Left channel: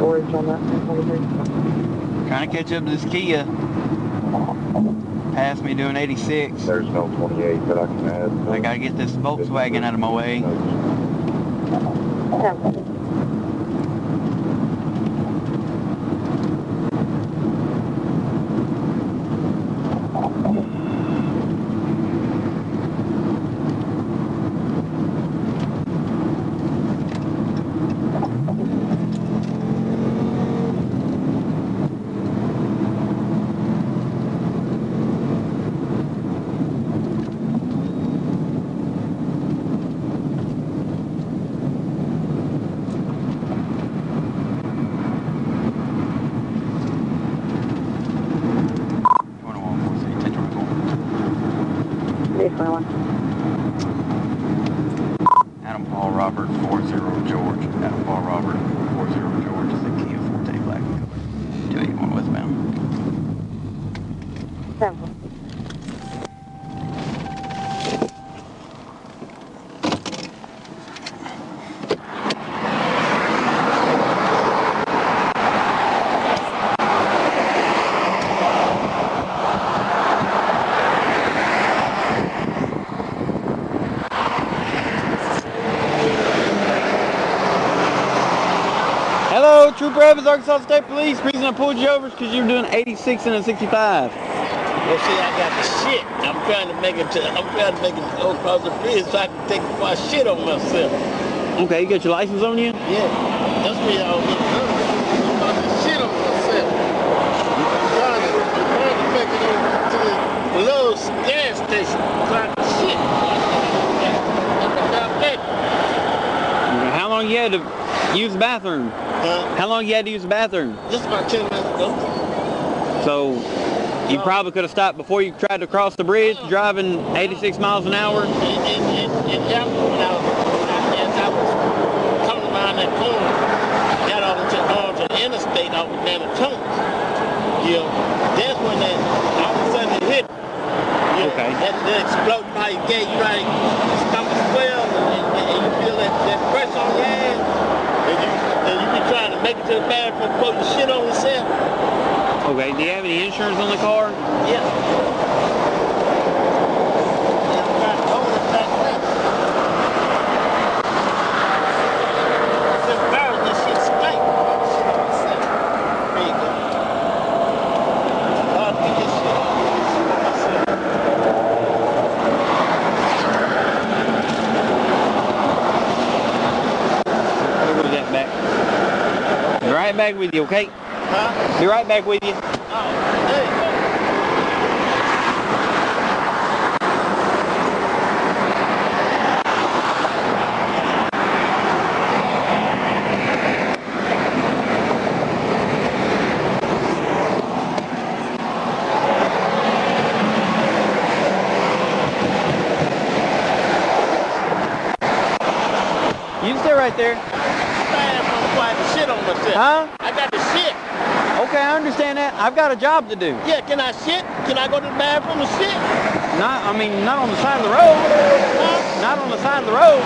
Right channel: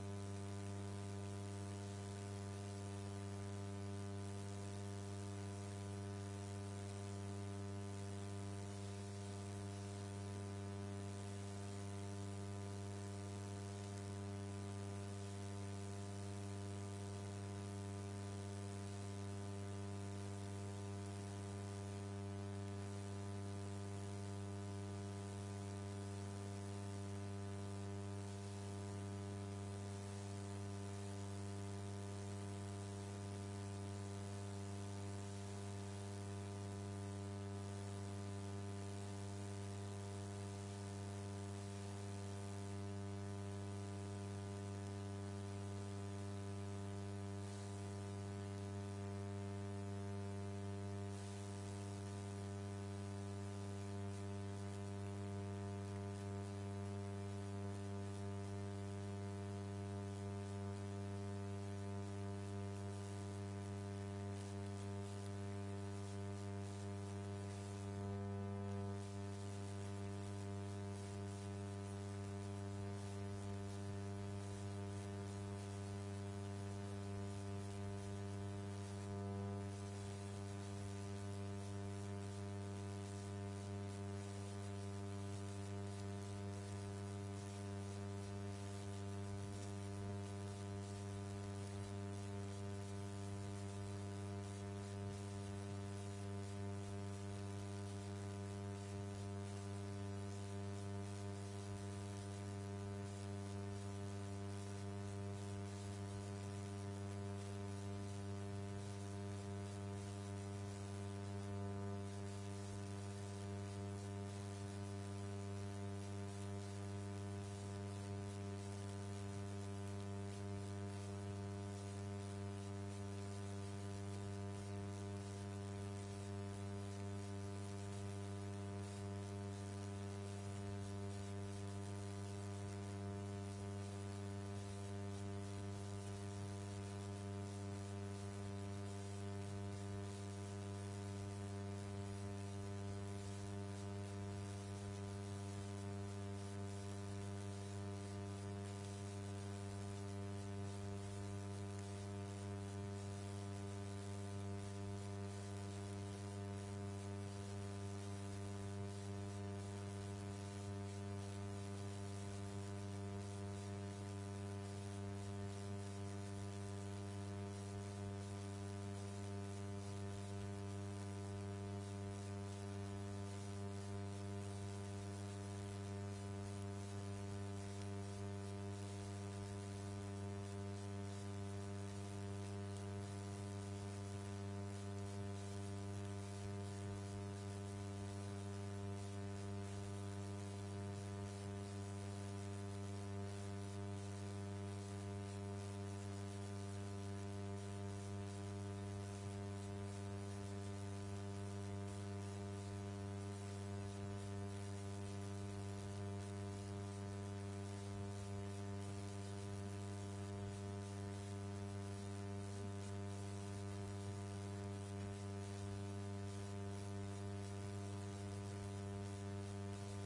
Storage on that 23. Trying to catch up to this Kia. Passed me doing 86. There's no 28 that I can add. I gotta get this Volkswagen out of my way. Adam Paul Robert 40 George. Adam Paul Robert 40 George is the Kia Forte black color. 281 westbound. 7. Hello, Trooper Evans, Arkansas State Police. The reason I pulled you over is because you were doing 86 and a 65. Well, see, I got the shit. I'm trying to make it go across the bridge so I can take my shit on myself. Okay, you got your license on you? Yeah, that's me I was looking at. I'm about to shit on myself. I'm trying to make it over to the little gas station so I can shit. How long you had to use the bathroom? Huh? How long you had to use the bathroom? Just about 10 minutes ago. So you probably could have stopped before you tried to cross the bridge, driving 86 miles an hour? It happened when as I was coming around that corner, got onto the interstate off of Thomas. You know, that's when that all of a sudden it hit. You know, Okay. That exploded by your gate, you right, stomach swell, and you feel that pressure on your ass, and you be trying to make it to the bathroom before you shit on yourself. Okay, do you have any insurance on the car? Yeah. Be right back with you, okay? Huh? Be right back with you. Oh, there you go. You can stay right there. Huh? I got the shit. Okay, I understand that. I've got a job to do. Yeah, can I shit? Can I go to the bathroom and shit? Not on the side of the road. Huh? Not on the side of the road.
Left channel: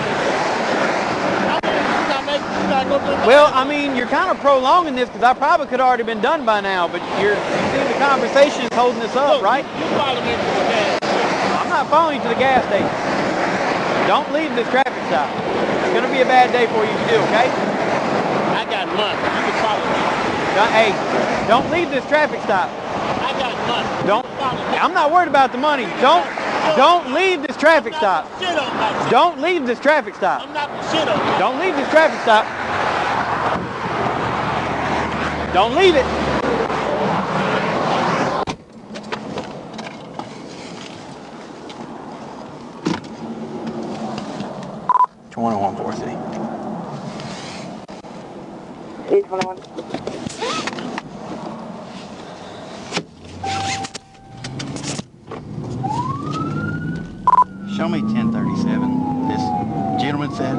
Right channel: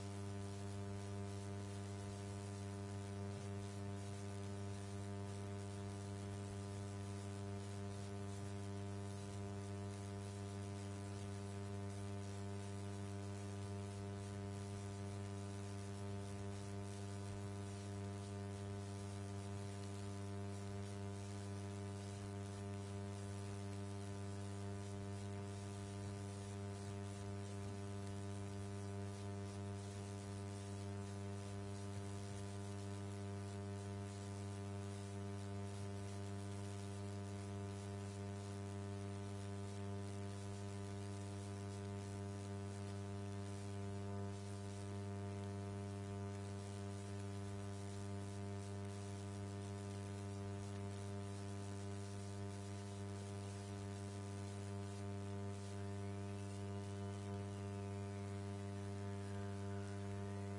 Well, I mean, you're kind of prolonging this because I probably could have already been done by now, but you see the conversation is holding this up, right? You follow me to the gas station. I'm not following you to the gas station. Don't leave this traffic stop. It's going to be a bad day for you if you do, okay? I got money. You can follow me. Hey, don't leave this traffic stop. I got money. I'm not worried about the money. Don't leave this traffic stop. Don't leave this traffic stop. I'm not gonna shit on you. Don't leave this traffic stop. Don't leave it. It's 101-4C. 821. Show me 1037. This gentleman said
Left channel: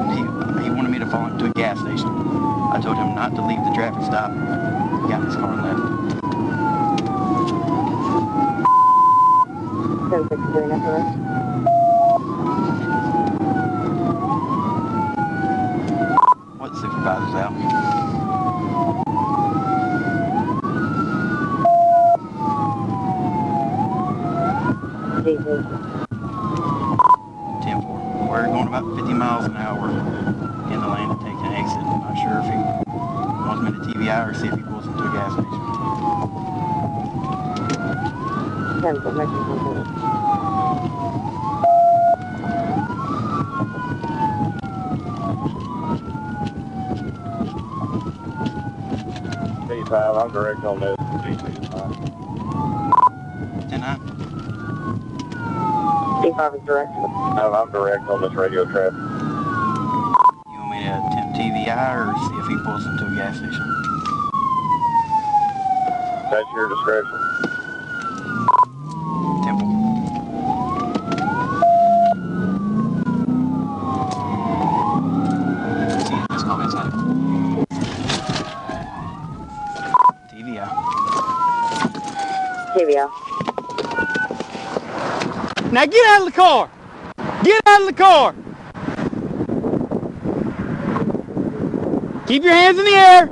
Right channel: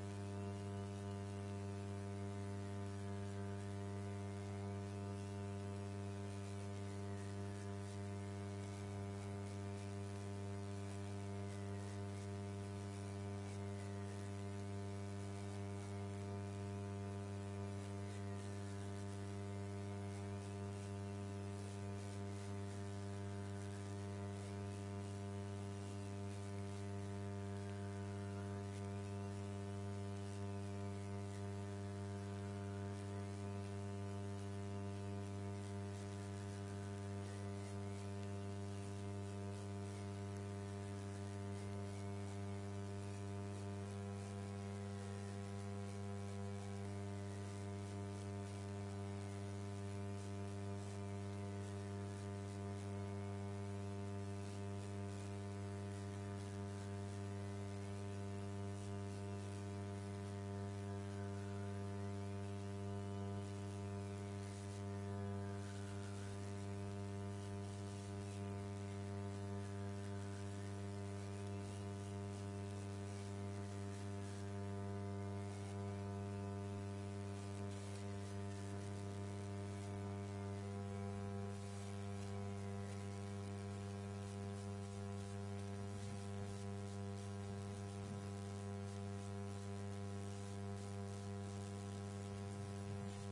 he wanted me to follow him to a gas station. I told him not to leave the traffic stop. He got in his car and left. 1063, nothing less. What supervisor's out? 10-4. We're going about 50 miles an hour in the lane to take an exit. I'm not sure if he wants me to TVI or see if he pulls into a gas station. 10-4, making contact. P5, I'm direct on this. 10-9. P5 is direct. I'm direct on this radio traffic. You want me to attempt TVI or see if he pulls into a gas station? That's your discretion. Temple. Just call me inside. TVI. TVI. Now get out of the car! Get out of the car! Keep your hands in the air!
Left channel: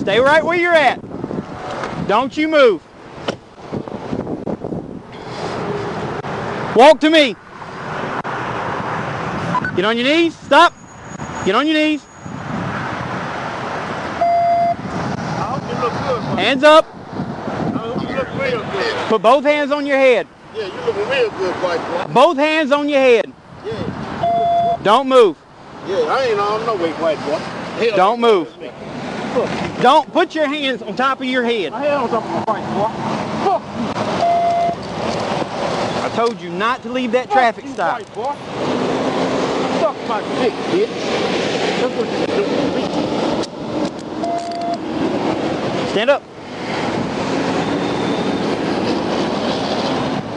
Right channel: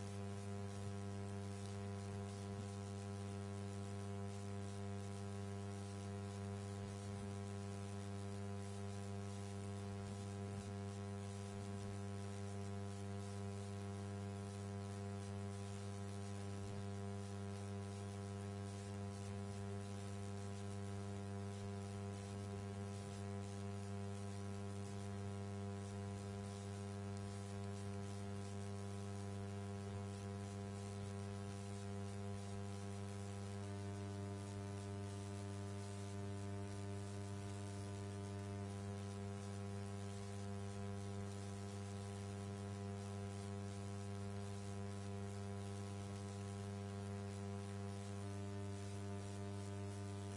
Stay right where you're at. Don't you move. Walk to me. Get on your knees. Stop. Get on your knees. I hope you look good, man. Hands up. I hope you look real good. Put both hands on your head. Yeah, you looking real good, white boy. Both hands on your head. Yeah. Don't move. Yeah, I ain't on no way, white boy. Hell, Don't move. Look, Don't put your hands on top of your head. my head on top of my white boy. Fuck I told you not to leave that you, traffic you, stop. white boy. Fuck my dick, bitch. That's what you do to me. Stand up.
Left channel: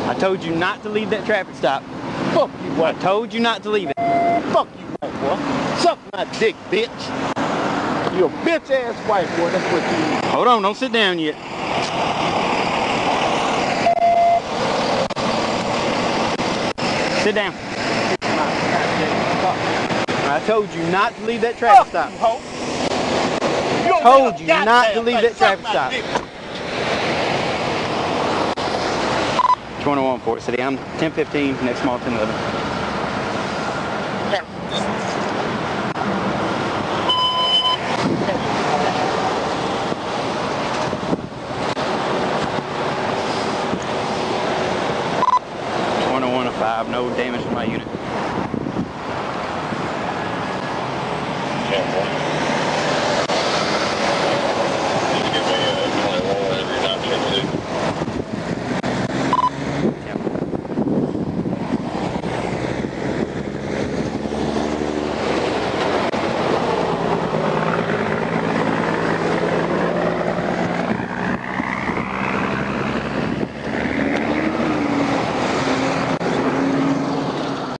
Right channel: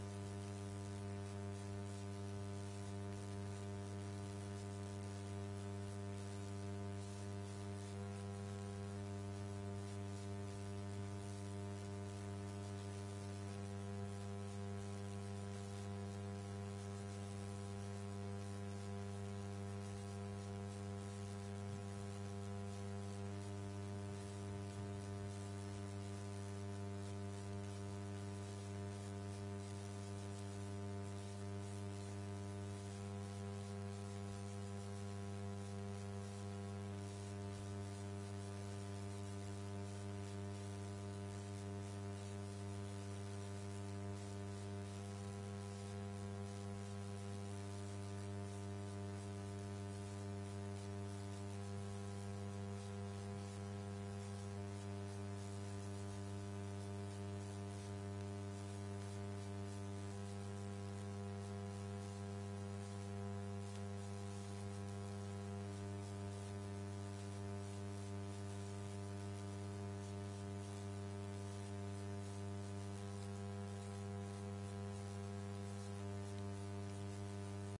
I told you not to leave that traffic stop. Fuck you, I white. told you not to leave it. Fuck you, white boy. Suck my dick, bitch. You a bitch ass white boy. That's what you are. Hold on, don't sit down yet. Sit down. I told you not to leave that traffic stop. You hoe. You don't Told have a you not goddamn to leave thing. that traffic Suck my stop. dick. 21 Fort City. I'm 1015, next mall 1011. No damage to my unit. Yeah,